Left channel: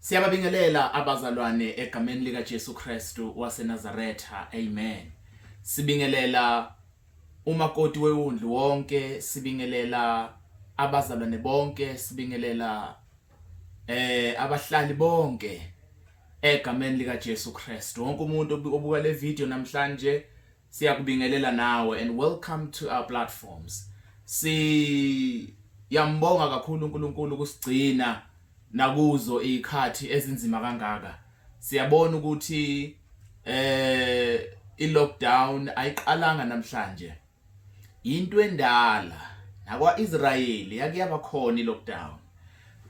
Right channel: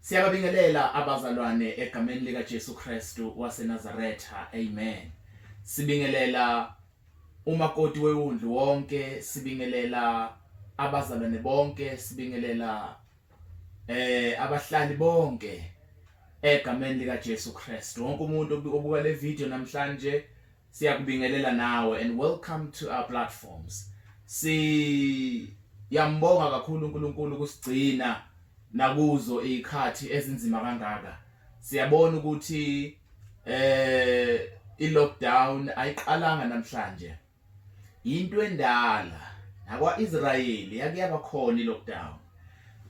Siyababingelela abazalwane egameni lika Jesu Kristu waseNazaretha. Amen. Sibingelela umakoti wewundlu wonke, sibingelela abazalwane bonke, sibingelela abahlali bonke egameni lika Jesu Kristu. Wonke umuntu obuka le video namhlanje siyakubingelela nawe and welcome to our platforms. Siyambonga kakhulu uNkulunkulu kusigcina nakuzo ikhathi ezinzima kangaka. Siyabona ukuthi i-lockdown ayiqalanga namhlanje. Into endala nakwa-Israyeli yake yaba khona i-lockdown.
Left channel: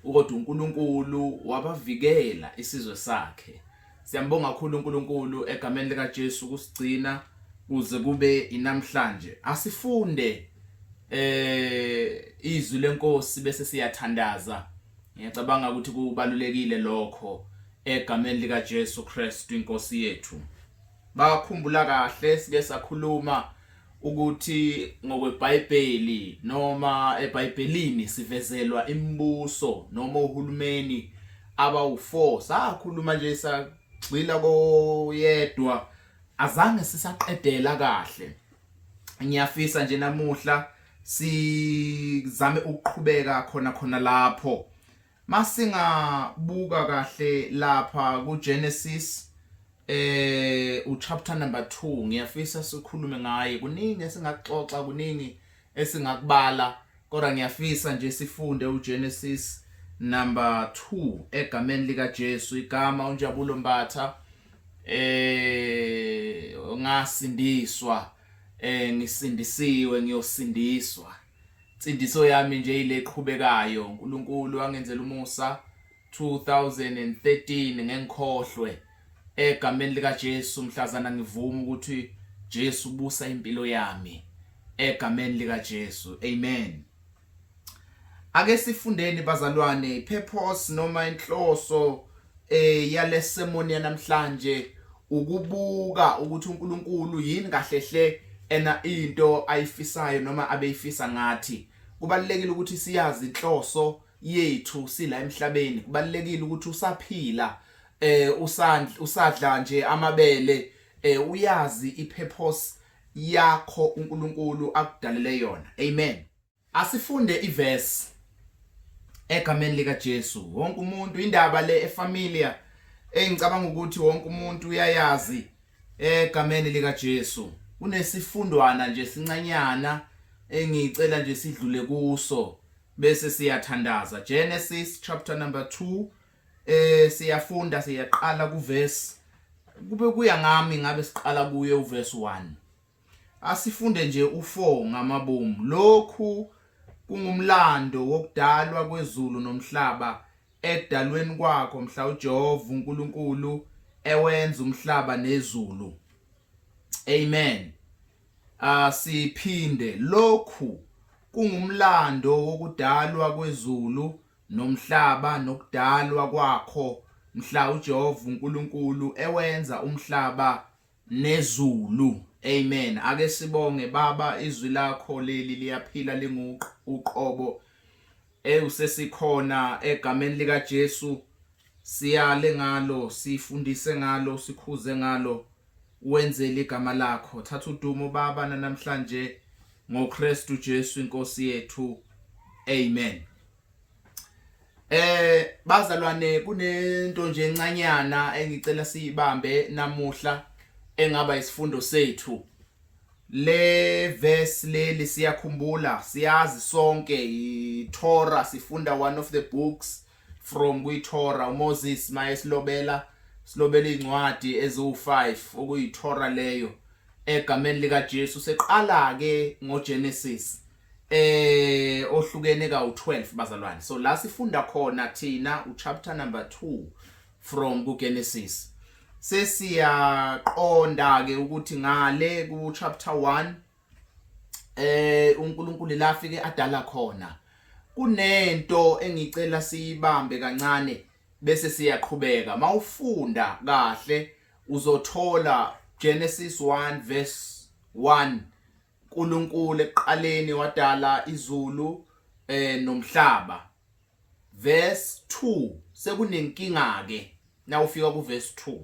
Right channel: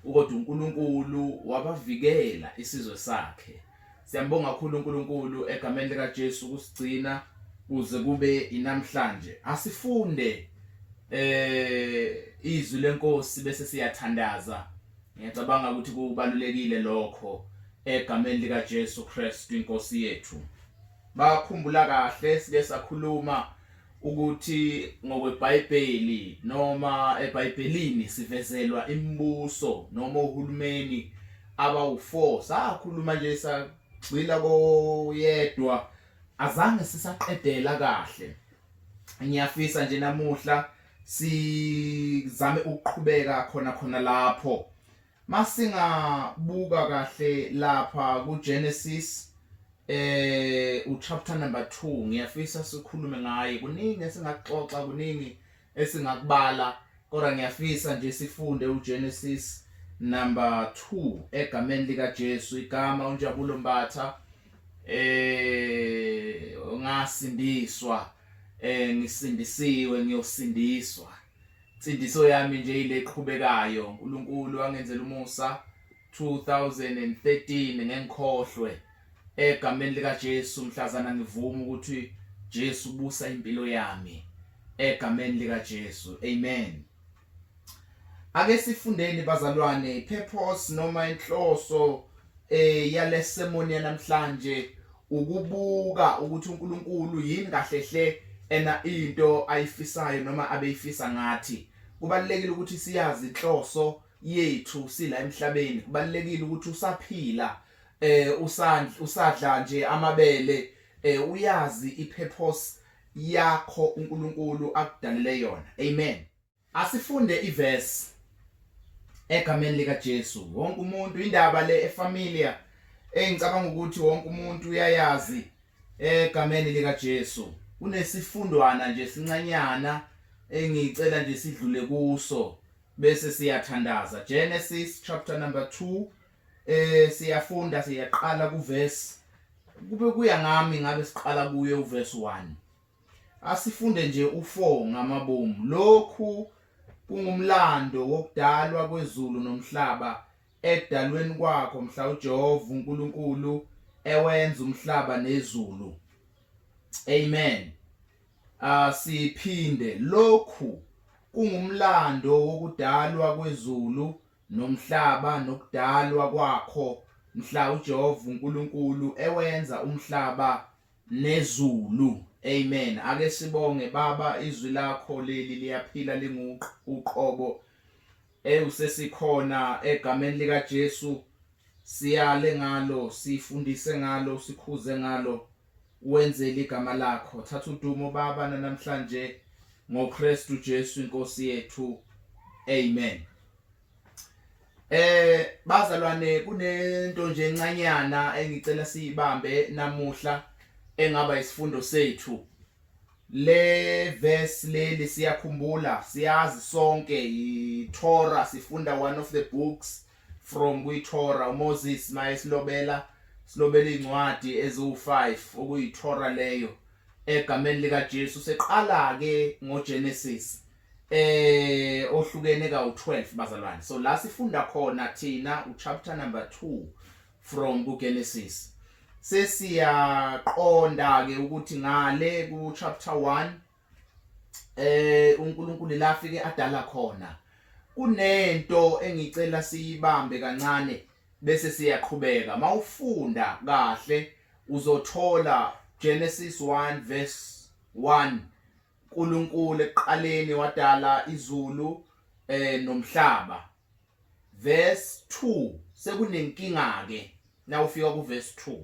Kodwa uNkulunkulu wabavikela isizwe sakhe. Siyambonga kakhulu uNkulunkulu egameni lika Jesu kusigcina kuze kube inamhlanje. Asifunde izwi lenkosi bese siyathandaza. Ngiyacabanga ukuthi kubalulekile lokho egameni lika Jesu Kristu inkosi yethu. Bakhumbula kahle sike sakhuluma ukuthi ngokweBhayibheli noma eBhayibhelini sivezelwa imibuso noma uhulumeni abawu4. Sakhuluma nje sagcila koyedwa azange sisaqedela kahle. Ngiyafisa nje namuhla sizame ukuqhubeka khona lapho. Masingabuka kahle lapha kuGenesis uchapter number 2, ngiyafisa sikhulume ngaye. Kuningi esingaxoxa, kuningi esingakubala, kodwa ngiyafisa nje sifunde uGenesis number 2 egameni lika Jesu. Igama uNjabulo Mbatha ngasindiswa, ngisindisiwe, ngiyosindiswa. Insindiso yami nje ile eqhubekayo. uNkulunkulu wangenzela umusa 2013 ngengikhohlwe egameni lika Jesu. Mhlazana ngivuma ukuthi Jesu ubusa impilo yami egameni lika Jesu. Amen. Ake sifundeni bazalwane purpose noma inhloso yalesemoni yanamhlanje ukubuka ukuthi uNkulunkulu yini kahlehle ena into ayifisayo noma abeyifisa ngathi. Kubalekile ukuthi siyazi inhloso yethu sila emhlabeni. Kubalekile ukuthi usaphila usadla nje amabele uyazi ipurpose yakho uNkulunkulu akudalele yona. Amen. Asifunde iverse egameni lika Jesu. Wonke umuntu indaba le efamilia engicabanga ukuthi wonke umuntu uyayazi egameni lika Jesu. Kunesifundwana nje sincanyana engicela nje sidlule kuso bese siyathandaza. Genesis chapter number 2 siyafunda, siyaqala kuverse, kube kuya ngami ngabe siqala kuye uverse 1. Asifunde nje u4 ngamabomu. Lokhu kungumlando wokudalwa kwezulu nomhlaba edalweni kwakho mhla uJehova uNkulunkulu ewenza umhlaba nezulu. Amen. Siphinde, lokhu kungumlando wokudalwa kwezulu nomhlaba nokudalwa kwakho mhla uJehova uNkulunkulu ewenza umhlaba nezulu. Amen. Ake sibonge Baba, izwi lakho leli liyaphila linguqobo usesikhona egameni lika Jesu. Siyale ngalo, sifundise ngalo, sikhuze ngalo, wenzele igama lakho. Thatha udumo Baba namhlanje ngoKristu Jesu inkosi yethu. Amen. Bazalwane, kunento nje encanyana engicela siyibambe namuhla engaba isifundo sethu. Le verse leli siyakhumbula, siyazi sonke iTorah, sifunda one of the books from kwiTorah. uMoses maye silobela incwadi eziwu5 okuyiTorah leyo egameni lika Jesu. Seqala ke ngoGenesis ohlukene ka12 bazalwane. So la sifunda khona thina uchapter number 2 from kuGenesis. Sesiyaqonda ke ukuthi ngale ku chapter 1 uNkulunkulu la afike adala khona. Kunento engicela siyibambe kancane bese siyaqhubeka. Mawufunda kahle uzothola Genesis 1 verse 1. uNkulunkulu eqaleni wadala izulu nomhlaba. Verse 2 sekunenkinga ke. Na ufika ku verse 2.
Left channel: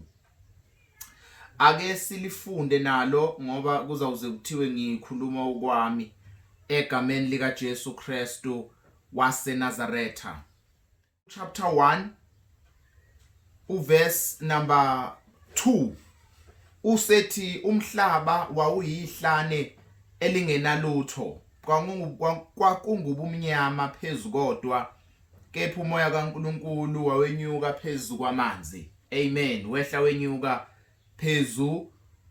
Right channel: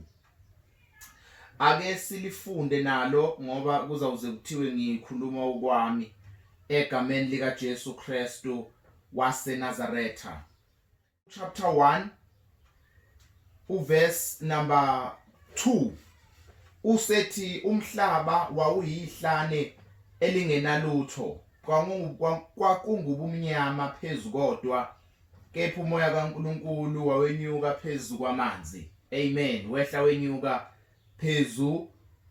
Ake silifunde nalo ngoba kuzawuze kuthiwe ngikhuluma ukwami egameni lika Jesu Kristu waseNazaretha. Chapter 1 uverse number 2 usethi umhlaba wawuyihlane elingenalutho, kwakungubumnyama phezu kodwa kepha umoya kaNkulunkulu wawenyuka phezu kwamanzi. Amen. Wehla wenyuka phezu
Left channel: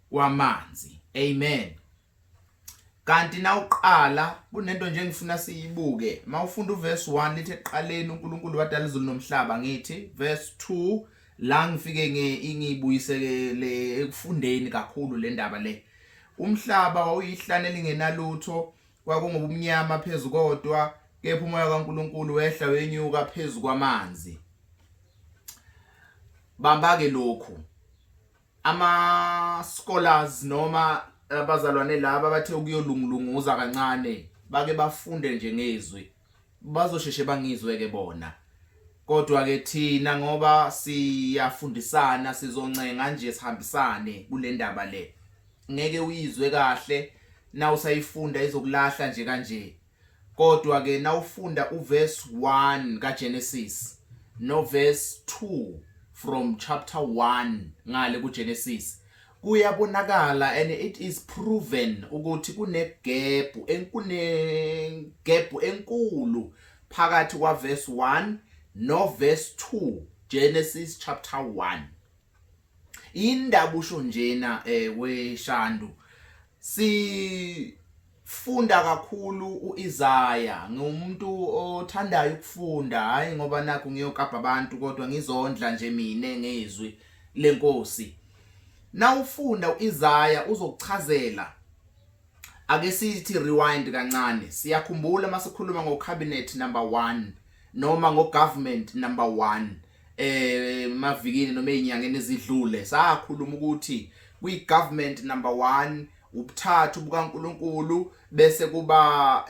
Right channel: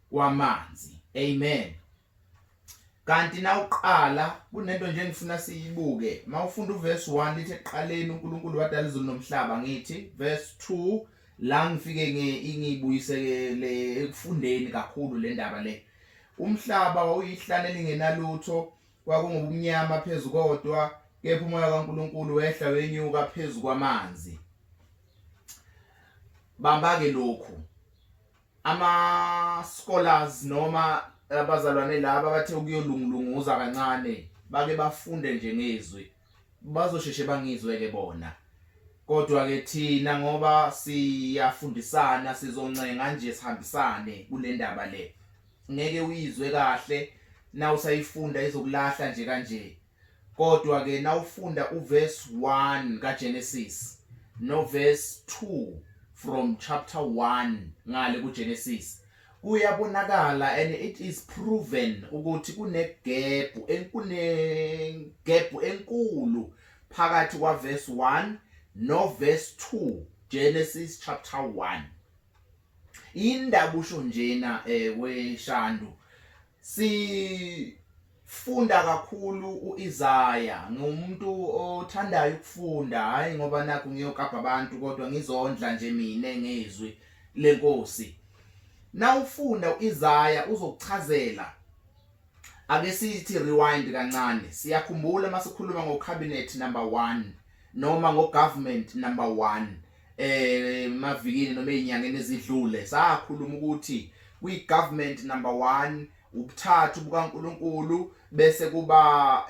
kwamanzi. Amen. Kanti nawuqala kunento nje ngifuna siyibuke. Mawufunda uverse 1 lithi eqaleni uNkulunkulu wadala izulu nomhlaba. Ngithi verse 2 la ngifike ngibuyisele ekufundeni kakhulu le ndaba le. Umhlaba wawuyihlane lingenalutho, kwakungubumnyama phezu kodwa kepha umoya kaNkulunkulu wehla wenyuka phezu kwamanzi. Bamba ke lokhu ama scholars noma abazalwane laba bathe ukuyolungulunguza kancane bake bafunde nje ngezwi, bazosheshe bangizwe ke bona. Kodwa ke thina ngoba siyafundisana sizoncenga nje sihambisane kule ndaba le. Ngeke uyizwe kahle na usayifunda izokulahla nje kanje. Kodwa ke nawufunda uverse 1 kaGenesis no verse 2 from chapter 1 ngale kuGenesis kuyabonakala and it is proven ukuthi gap enkulu phakathi kwa verse 1 no verse 2 Genesis chapter 1. Indaba usho njena weshandu sifunda kakhulu uIsaya. Ngumuntu othandayo ukufunda, hayi ngoba nakho ngiyokapha abantu kodwa ngizondla nje mina ngezwi lenkosi. Nawufunda uIsaya uzokuchazela. Ake sithi rewind kancane. Siyakhumbula masikhuluma ngocabinet number 1 noma ngogovernment number 1 mavikini noma ezinyangeni ezidlule sakhuluma ukuthi kwigovernment number 1 ubuthathu bukaNkulunkulu bese kuba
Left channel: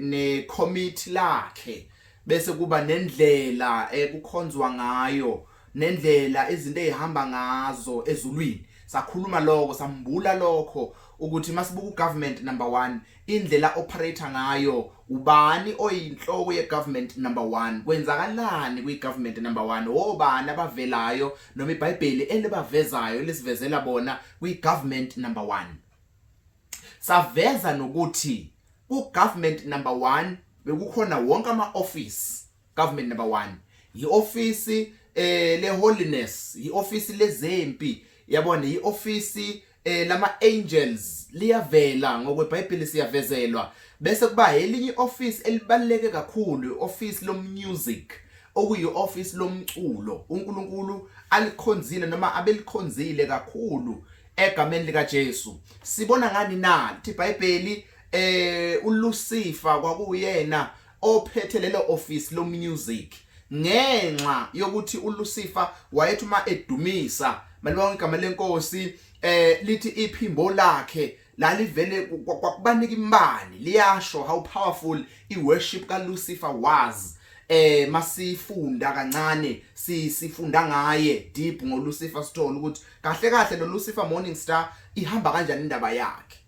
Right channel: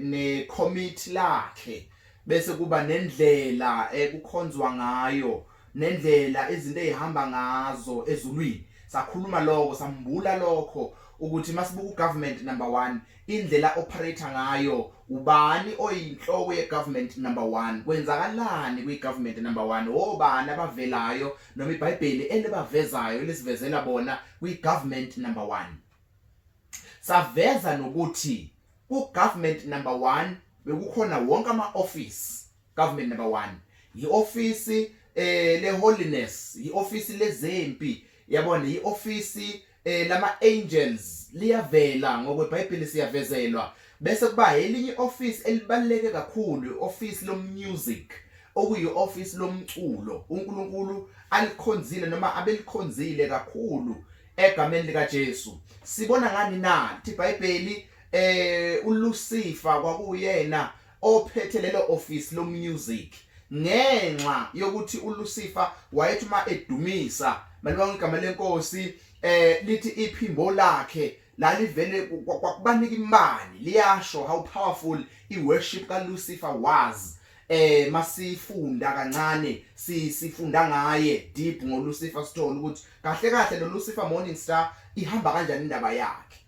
necommittee lakhe, bese kuba nendlela ekukhonzwa ngayo, nendlela izinto ezihamba ngazo ezulwini. Sakhuluma lokho, sambula lokho ukuthi masibuka ugovernment number 1 indlela operator ngayo, ubani oyinhloko yegovernment number 1, kwenzakalani kwigovernment number 1, obani abavelayo noma iBhayibheli elibavezayo lesivezela bona kwigovernment number 1. Saveza nokuthi ugovernment number 1 bekukhona wonke ama-office. Government number 1 yi-office le-holiness, yi-office lezempi, yabona yi-office lama-angels, liyavela ngokweBhayibheli siyavezelwa. Bese kuba elinye office elibaluleke kakhulu, office lomusic, okuyi-office lomculo. uNkulunkulu alikhonzile noma abelikhonzile kakhulu egameni lika Jesu. Sibona ngani na lithi iBhayibheli uLucifer kwakuyena ophethe lelo office lomusic, ngenxa yokuthi uLucifer wayethi uma edumisa malibanga igama lenkosi lithi iphimbo lakhe lalivele kwakubanika imbali, liyasho how powerful iworship kaLucifer was. Masifunda kancane sifunda ngaye deep ngoLucifer, sithola ukuthi kahle kahle lo Lucifer morning star ihamba kanjani indaba yakhe.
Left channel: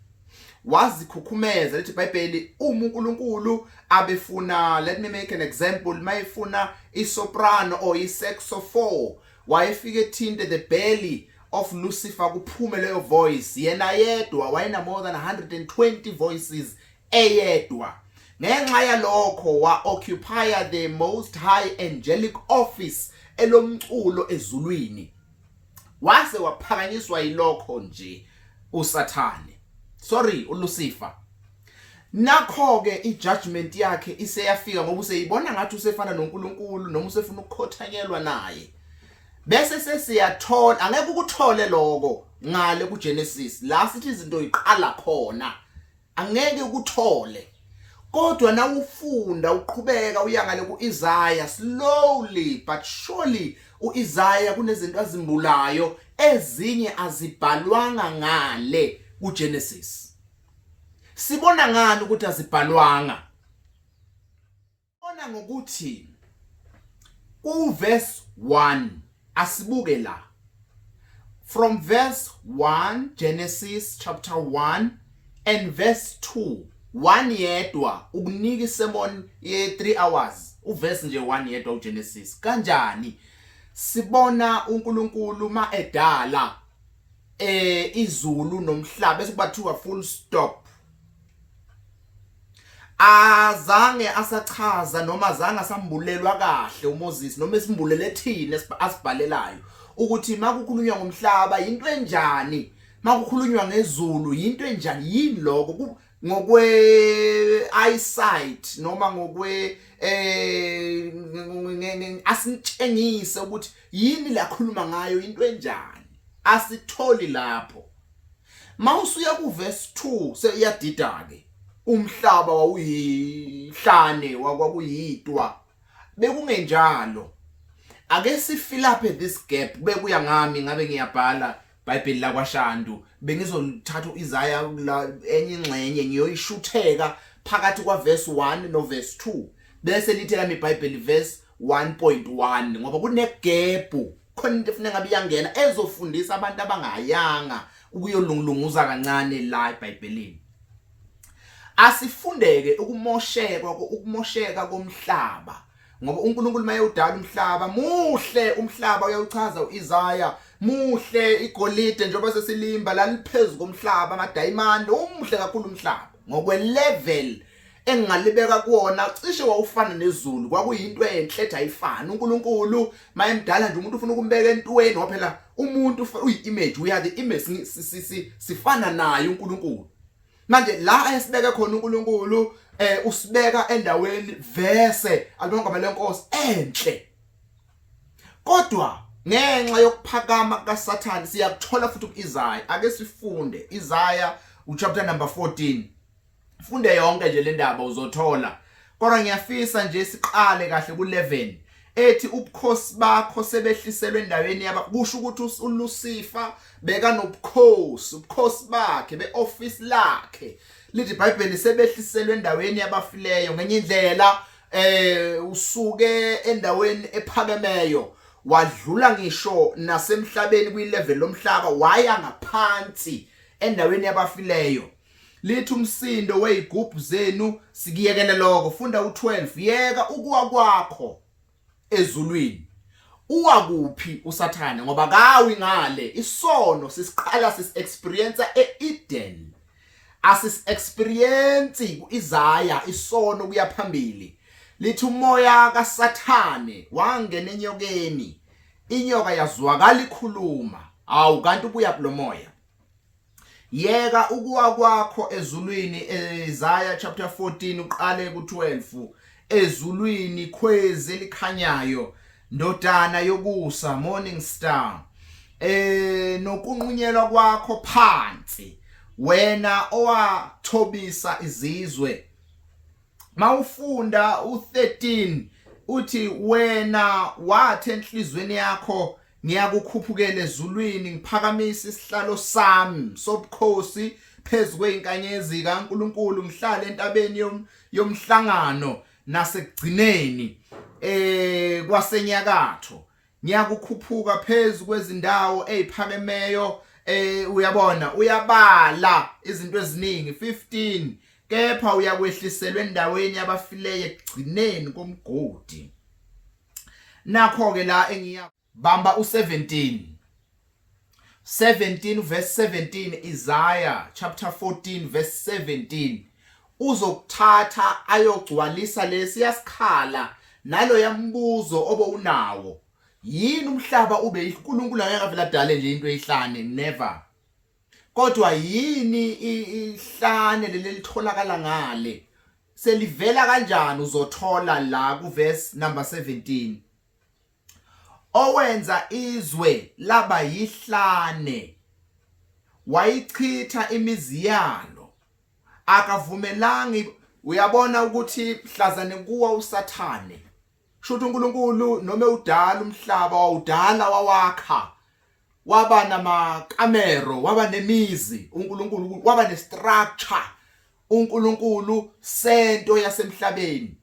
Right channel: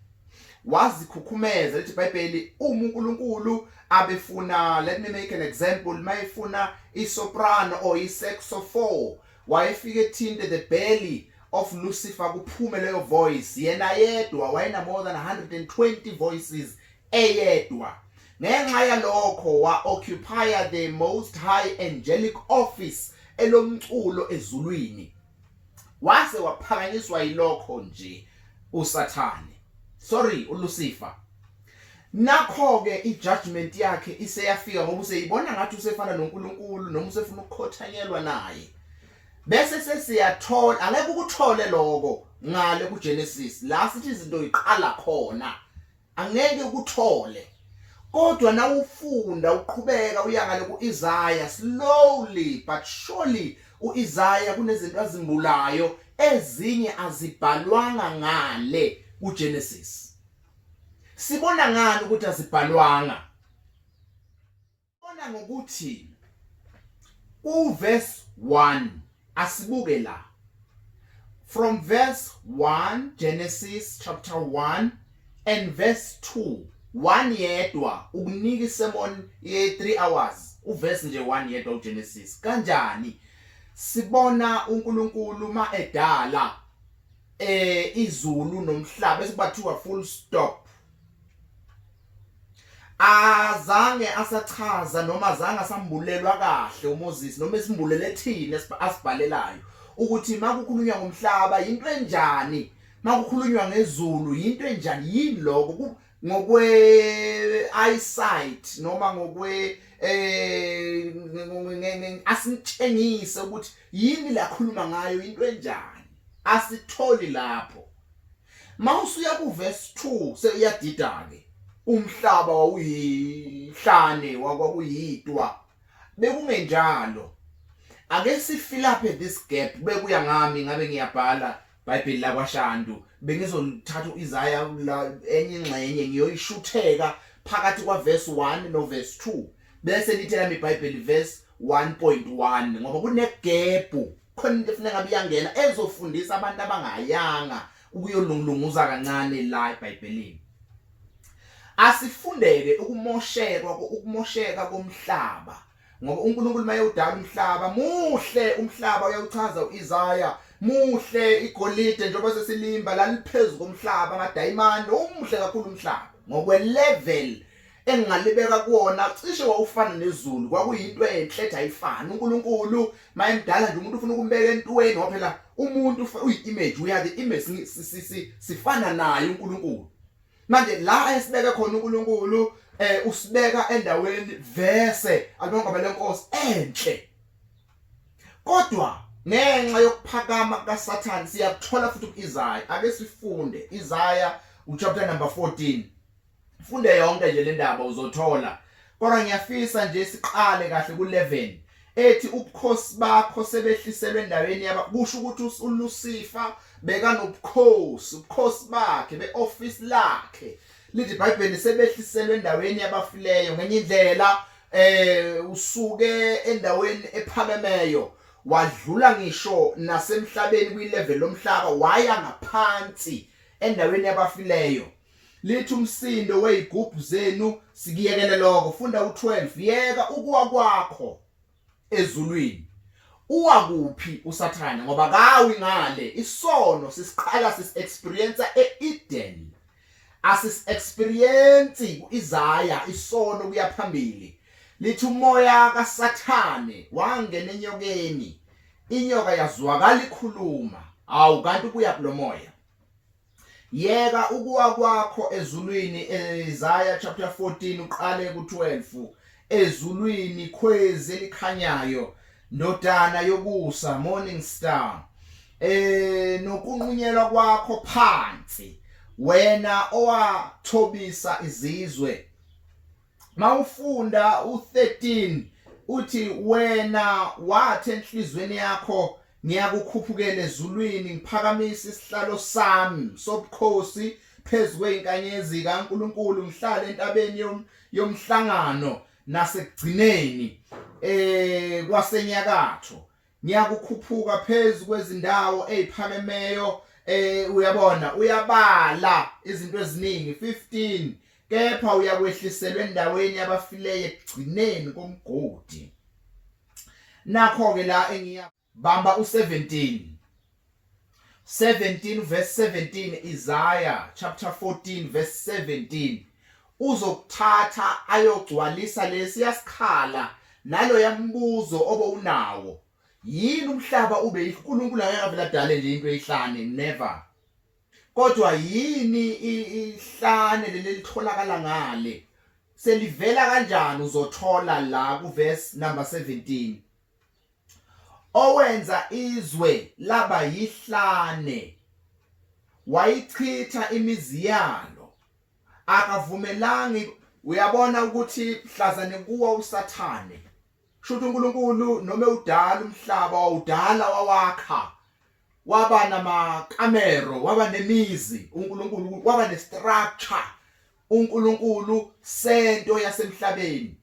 Wazikhukhumeza lithi iBhayibheli uNkulunkulu abefuna, let me make an example, mayefuna isoprano or isaxophone, wayefike ethinte the belly of Lucifer kuphume leyo voice. Yena yedwa wayena more than 120 voices eyedwa. ngenxa yalokho wa-occupy the most high angelic office elomculo ezulwini. Wase waphakanyiswa yilokho nje uSathane, uLucifer. Nakho-ke ijudgment yakhe iseyafika ngoba useyibona ngathi usefana noNkulunkulu noma usefuna ukukhothanyelwa naye. Bese sesiyathola, angeke ukuthole lokho ngale kuGenesis la sithi izinto iqala khona, angeke ukuthole. Kodwa na ufunda uqhubeka uya ngale kuIsaiah, slowly but surely uIsaiah kunezinto azimbulayo ezinye azibhalwanga ngale kuGenesis. Sibona ngani ukuthi azibhalwanga? Bona ngokuthi verse 1 asibuke la. From verse 1, Genesis chapter 1 and verse 2, 1 yedwa ukunika isermon ye 3 hours. Uverse nje 1 yedwa uGenesis. Kanjani sibona uNkulunkulu ma edala izulu nomhlaba esikubathiwa full stop. Azange asachaza noma azange asambulelwa kahle uMoses noma esimbulele thina asibhalelayo ukuthi makukhulunywa ngomhlaba into enjani, makukhulunywa ngezulu into enjani, yini lokho ngokwe eyesight noma ngokwe asintshengise ukuthi yini la khuluma ngayo into enjani, asitholi lapho. Mawusuya ku verse 2 seyadida ke umhlaba wawuyihlane kwakuyitwa, bekungenjalo. Ake sifilaphe this gap, bekuya ngami ngabe ngiyabhala iBhayibheli lakwaShandu, bengizothatha uIsaiah enye ingxenye ngiyoyishutheka phakathi kwa verse 1 no verse 2 bese lithi lami iBhayibheli verse 1.1 ngoba kunegebhu khona into efuna ngabe iyangena ezofundisa abantu abangayanga ukuyolungulunguza kancane la eBhayibhelini. Asifundeke ukumosheka komhlaba ngoba uNkulunkulu maye udala umhlaba muhle, umhlaba uyawuchaza uIsaiah muhle, igolide njengoba sesilimba laliphezu komhlaba ngadiamond, umuhle kakhulu umhlaba ngokwe level engalibeka kuona cishe wawufana nezulu, kwakuyinto enhle ethi ayifani. uNkulunkulu mayemdala nje umuntu ufuna ukumbeka entweni ngoba phela umuntu uyi-image, we are the image, sifana naye uNkulunkulu. Manje la esibeke khona uNkulunkulu usibeka endaweni verse alibonga lenkosi enhle. Kodwa ngenxa yokuphakama kaSathane siyakuthola futhi kuIsaiah. Ake sifunde Isaiah uchapter number 14. Funde yonke nje le ndaba uzothola. Kodwa ngiyafisa nje siqale kahle ku11 ethi ubukhosi bakho sebehliselwe endaweni kusho ukuthi uLucifer beka nobukhosi, ubukhosi bakhe beoffice lakhe. Lithi iBhayibheli sebehliselwe endaweni yabafileyo ngenye indlela usuke endaweni ephakemeyo wadlula ngisho nasemhlabeni kwilevel lomhlaba waya ngaphansi endaweni yabafileyo. Lithi umsindo wezigubhu zenu sikiyekele lokho. Funda u12 yeka ukuwa kwakho ezulwini. Uwa kuphi uSathane ngoba kawi ngale isono sisiqala sisi-experience eEden. Asis-experience kuIsaiah isono kuya phambili. Lithi umoya kaSathane wangena enyokeni, inyoka yazwakala ikhuluma, awu kanti kuya kulomoya. Yeka ukuwa kwakho ezulwini, Isaiah chapter 14 uqale ku12. Ezulwini khwezi elikhanyayo, ndodana yokusa, morning star. Nokunqunyelwa kwakho phansi, wena owathobisa izizwe. Mawufunda u13 uthi wena wathi enhliziyweni yakho ngiyakukhuphukela ezulwini, ngiphakamise isihlalo sami sobukhosi phezu kwezinkanyezi kaNkulunkulu, ngihlale entabeni yomhlangano ngasekugcineni kwasenyakatho. Ngiyakukhuphuka phezu kwezindawo eziphakemeyo. Uyabona uyabala izinto eziningi 15 kepha uyakwehliselwa endaweni yabafileyo ekugcineni komgodi. Nakho ke la engiyabamba u17 verse 17, Isaiah chapter 14 verse 17. uzokuthatha ayogcwalisa lesiyasikhala nalo yambuzo obo unawo. Yini umhlaba ube uNkulunkulu angeke vele adale nje into eyihlane, never. Kodwa yini ihlane lelitholakala ngale? Selivela kanjani uzothola la ku verse number 17. Owenza izwe laba yihlane, wayichitha imizi yalo, akavumelanga. Uyabona ukuthi mhlazane kuwa usathane. Shuthu uNkulunkulu noma udala umhlaba wawudala wawakha. Waba namakamero, waba nemizi, uNkulunkulu waba nestructure. uNkulunkulu sento yasemhlabeni.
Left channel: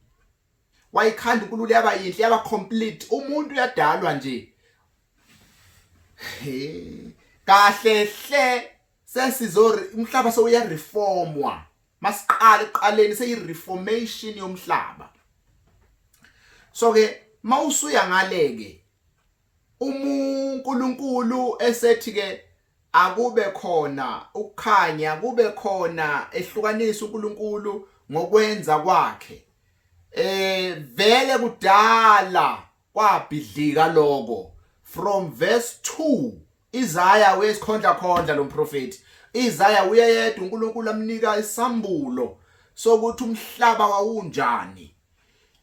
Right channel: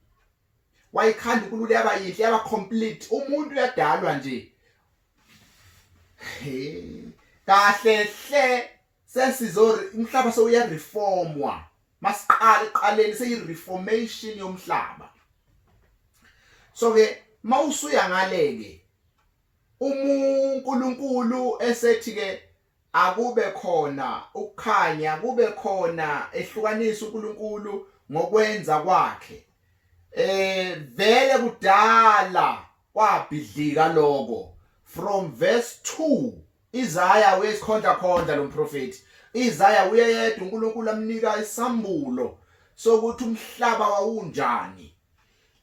Wayikhanda uNkulunkulu yaba yinhle, yaba complete. Umuntu uyadalwa nje. Kahle hle sesizo umhlaba sewuya reformwa. Masiqala eqaleni seyireformation yomhlaba. So ke mawusuya ngaleke uNkulunkulu esethi ke akube khona ukukhanya, kube khona ehlukanisa uNkulunkulu ngokwenza kwakhe. Vele kudala kwabhidlika lokho. From verse 2 Isaiah wesikhondla lo mprofeti. Isaiah uyeyedwa uNkulunkulu amnika isambulo sokuthi umhlaba wawunjani.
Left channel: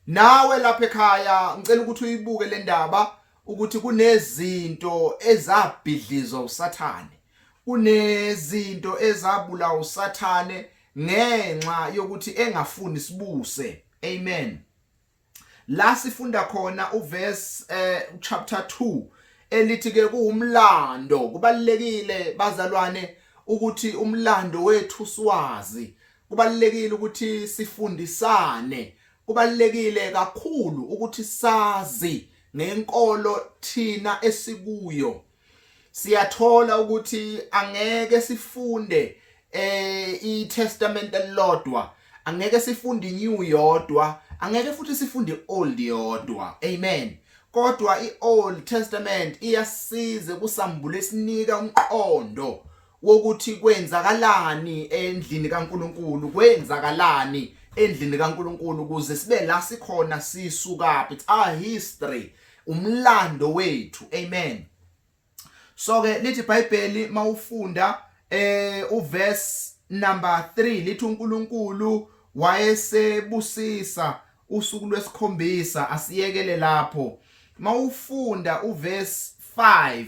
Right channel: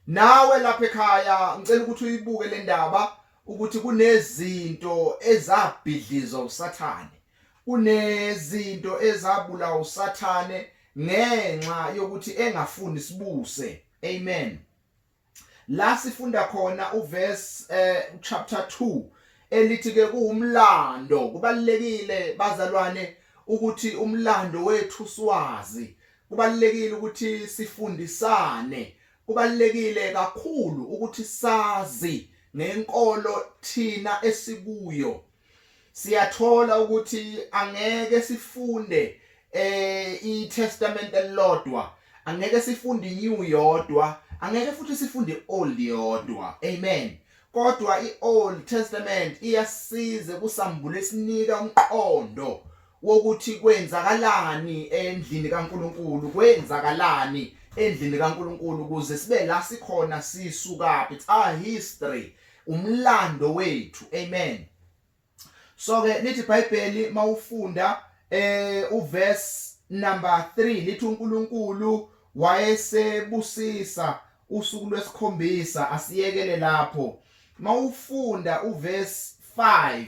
Nawe lapha ekhaya ngicela ukuthi uyibuke le ndaba ukuthi kunezinto ezabhidlizwa uSathane. Kunezinto ezabulawa uSathane ngenxa yokuthi engafuni sibuse. Amen. La sifunda khona uverse chapter 2 elithi ke kuumlando. Kubalekile bazalwane ukuthi umlando wethu siwazi. Kubalekile ukuthi sifundisane. Kubalekile kakhulu ukuthi sazi ngenkolo thina esikuyo. Siyathola ukuthi angeke sifunde iTestament elilodwa, angeke sifunde iNew yodwa, angeke futhi sifunde Old yodwa. Amen. Kodwa iOld Testament iyasiza kusambule sinika umqondo wokuthi kwenzakalani endlini kaNkulunkulu, kwenzakalani endlini kaNkulunkulu ukuze sibe la sikhona sisuka. It's our history, umlando wethu. Amen. So ke lithi iBhayibheli mawufunda uverse number 3 lithi uNkulunkulu wayesebusisa usuku lwesikhombisa. Asiyekele lapho. Mawufunda uverse 5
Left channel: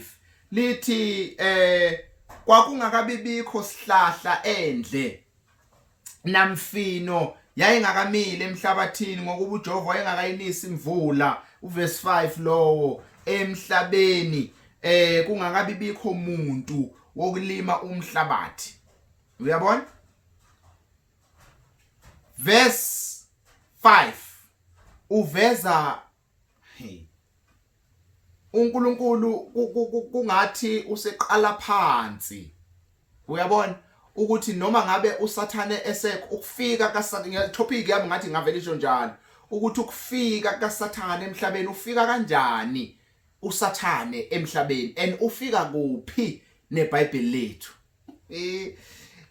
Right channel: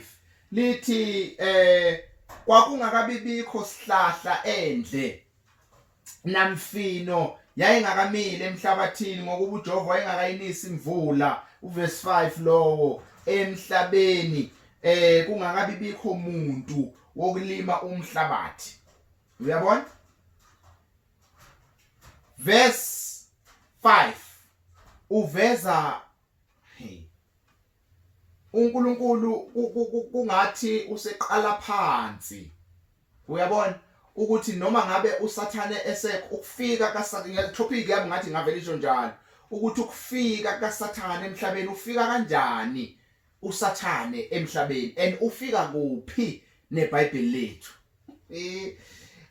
lithi kwakungakabibikho sihlahla endle namfino yayingakamile emhlabathini ngokuba uJehova wayengakayinisi imvula. Uverse 5 lowo emhlabeni kungakabibikho umuntu wokulima umhlabathi. Uyabona? Verse 5 uveza uNkulunkulu kungathi useqala phansi. Uyabona ukuthi noma ngabe uSathane ukufika kaSathane, topic yami ngathi ngavelisho njalo ukuthi ukufika kaSathane emhlabeni ufika kanjani uSathane emhlabeni and ufika kuphi neBhayibheli lethu.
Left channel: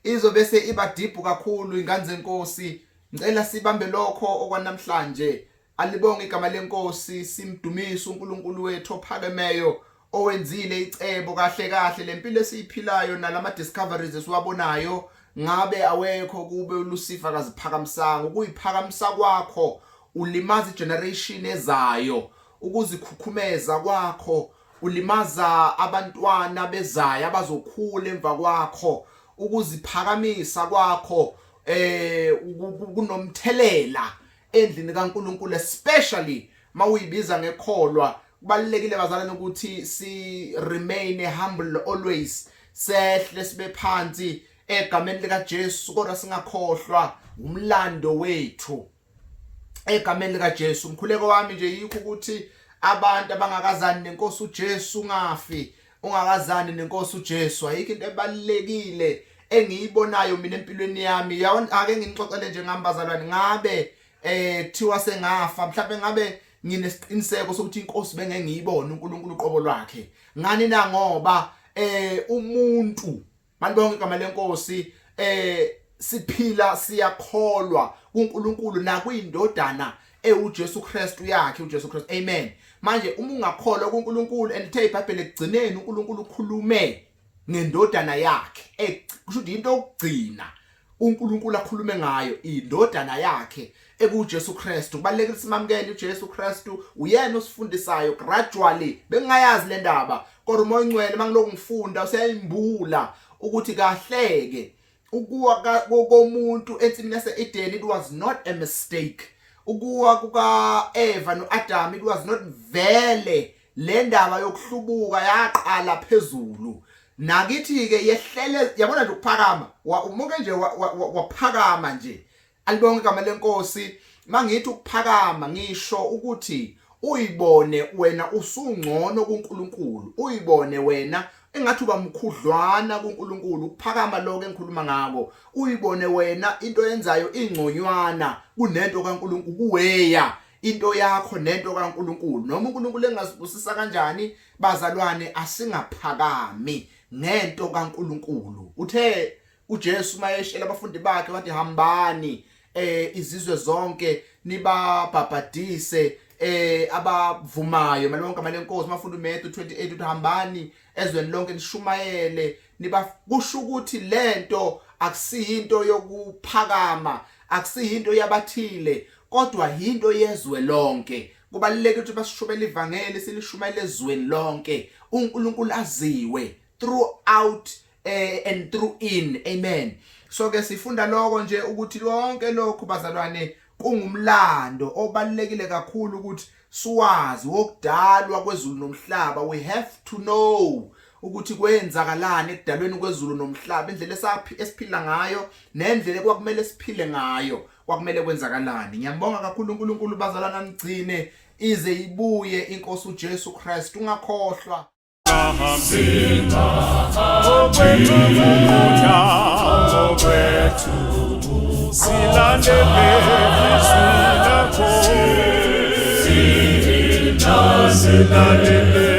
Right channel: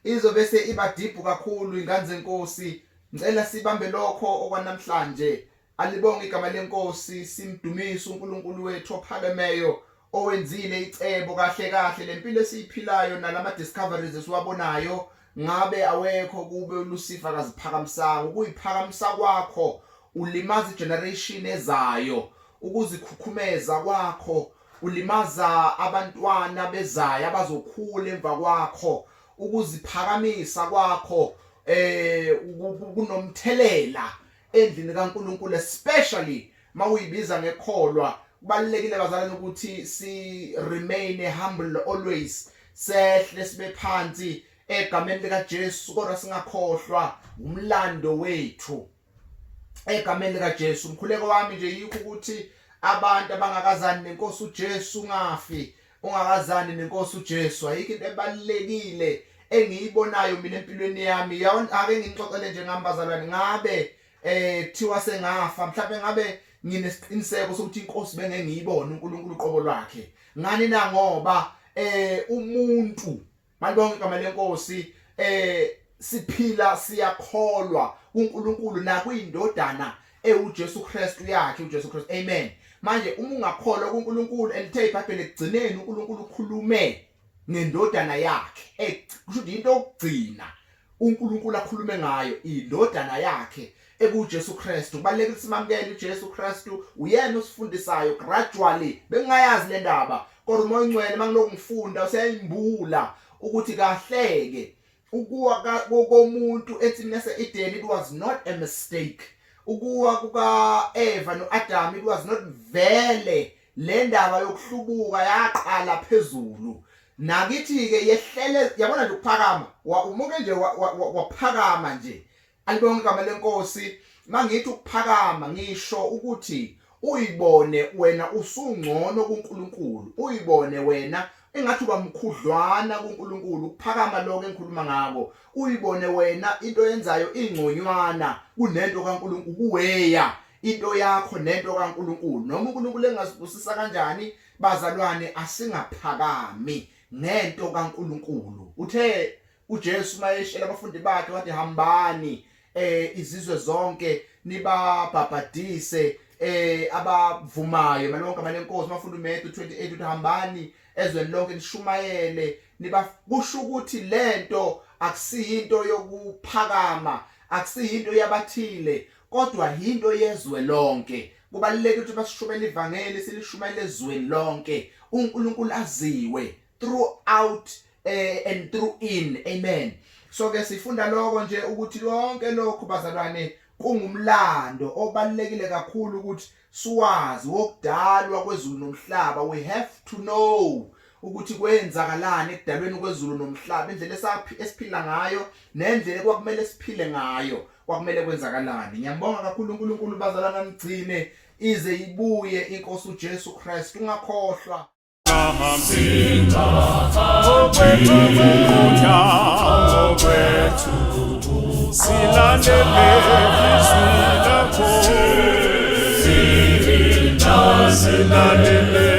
Izobe iba deep kakhulu ingane zenkosi. Ngicela sibambe lokho okwanamhlanje. Alibonge igama lenkosi, simdumise uNkulunkulu wethu ophakemeyo owenzile icebo kahle lempilo esiyiphilayo nalama discoveries esiwabonayo. Ngabe awekho kube uLucifer kaziphakamisanga. Ukuyiphakamisa kwakho ulimaza igeneration ezayo. Ukuzikhukhumeza kwakho ulimaza abantwana bezayo abazokhula emva kwakho. Ukuziphakamisa kwakho kunomthelela endlini kaNkulunkulu, especially mawuyibiza ngekholwa. Kubalekile bazalwane ukuthi si remain humble always. Sehle sibe phansi egameni lika Jesu kodwa singakhohlwa umlando wethu. Egameni lika Jesu. Umkhuleko wami nje yikho ukuthi abantu abangakazani nenkosi uJesu ungafi. Ungakazani nenkosi uJesu ayikho into ebalekile engiyibonayo mina empilweni yami. Ake ngixoxele nje ngambazalwane ngabe kuthiwa sengafa, mhlawumbe ngabe nginesiqiniseko sokuthi inkosi bengeke ngiyibone uNkulunkulu uqobo lwakhe. Ngani na ngoba umuntu malibonke igama lenkosi siphila siyakholwa kuNkulunkulu nakwindodana uJesu Kristu yakhe uJesu Kristu. Amen. Manje uma ungakholwa kuNkulunkulu elithe iBhayibheli ekugcineni uNkulunkulu ukhulume ngendodana yakhe, kusho ukuthi into okugcina uNkulunkulu akhulume ngayo indodana yakhe ekuJesu Kristu. Kubalekile simamukele uJesu Kristu, uyena osifundisayo gradually. Bengingayazi le ndaba kodwa uMoya oNgcwele mangiloku ngifunda useyimbula ukuthi kahleke ukuwa komuntu ensimini yase-Eden it was not a mistake. Ukuwa kuka Eva noAdam it was not vele le ndaba yokuhlubuka yaqala phezulu. Nakithi ke yehlele yabona nje ukuphakama umuke nje waphakama nje. Alibonke igama lenkosi. Mangithi ukuphakama ngisho ukuthi uyibone wena usungcono kuNkulunkulu, uyibone wena engathi uba mkhudlwana kuNkulunkulu. Ukuphakama lokho engikhuluma ngako, uyibone wena into yenzayo ingconywana kunento kaNkulunkulu, kuweya into yakho nento kaNkulunkulu. Noma uNkulunkulu engasibusisa kanjani bazalwane, asingaphakami ngento kaNkulunkulu. Uthe uJesu mayeshela abafundi bakhe wathi hambani izizwe zonke nibabhabhadise abavumayo malonke amalenkosi. Mafunda uMathewu 28 uthi hambani ezweni lonke nishumayele kusho ukuthi lento akusiyinto yokuphakama, akusiyinto yabathile, kodwa into yezwe lonke. Kubalulekile ukuthi basishumele ivangeli, silishumayele ezweni lonke, uNkulunkulu aziwe throughout and through in. Amen. So ke sifunda lokho nje ukuthi lonke lokho bazalwane kungumlando obalekile kakhulu ukuthi siwazi wokudalwa kwezulu nomhlaba. We have to know ukuthi kwenzakalani ekudalweni kwezulu nomhlaba, indlela esiphila ngayo nendlela kwakumele siphile ngayo kwakumele kwenzakalani. Ngiyambonga kakhulu uNkulunkulu bazalwana, nigcine ize ibuye inkosi uJesu Kristu. Ungakhohlwa silandele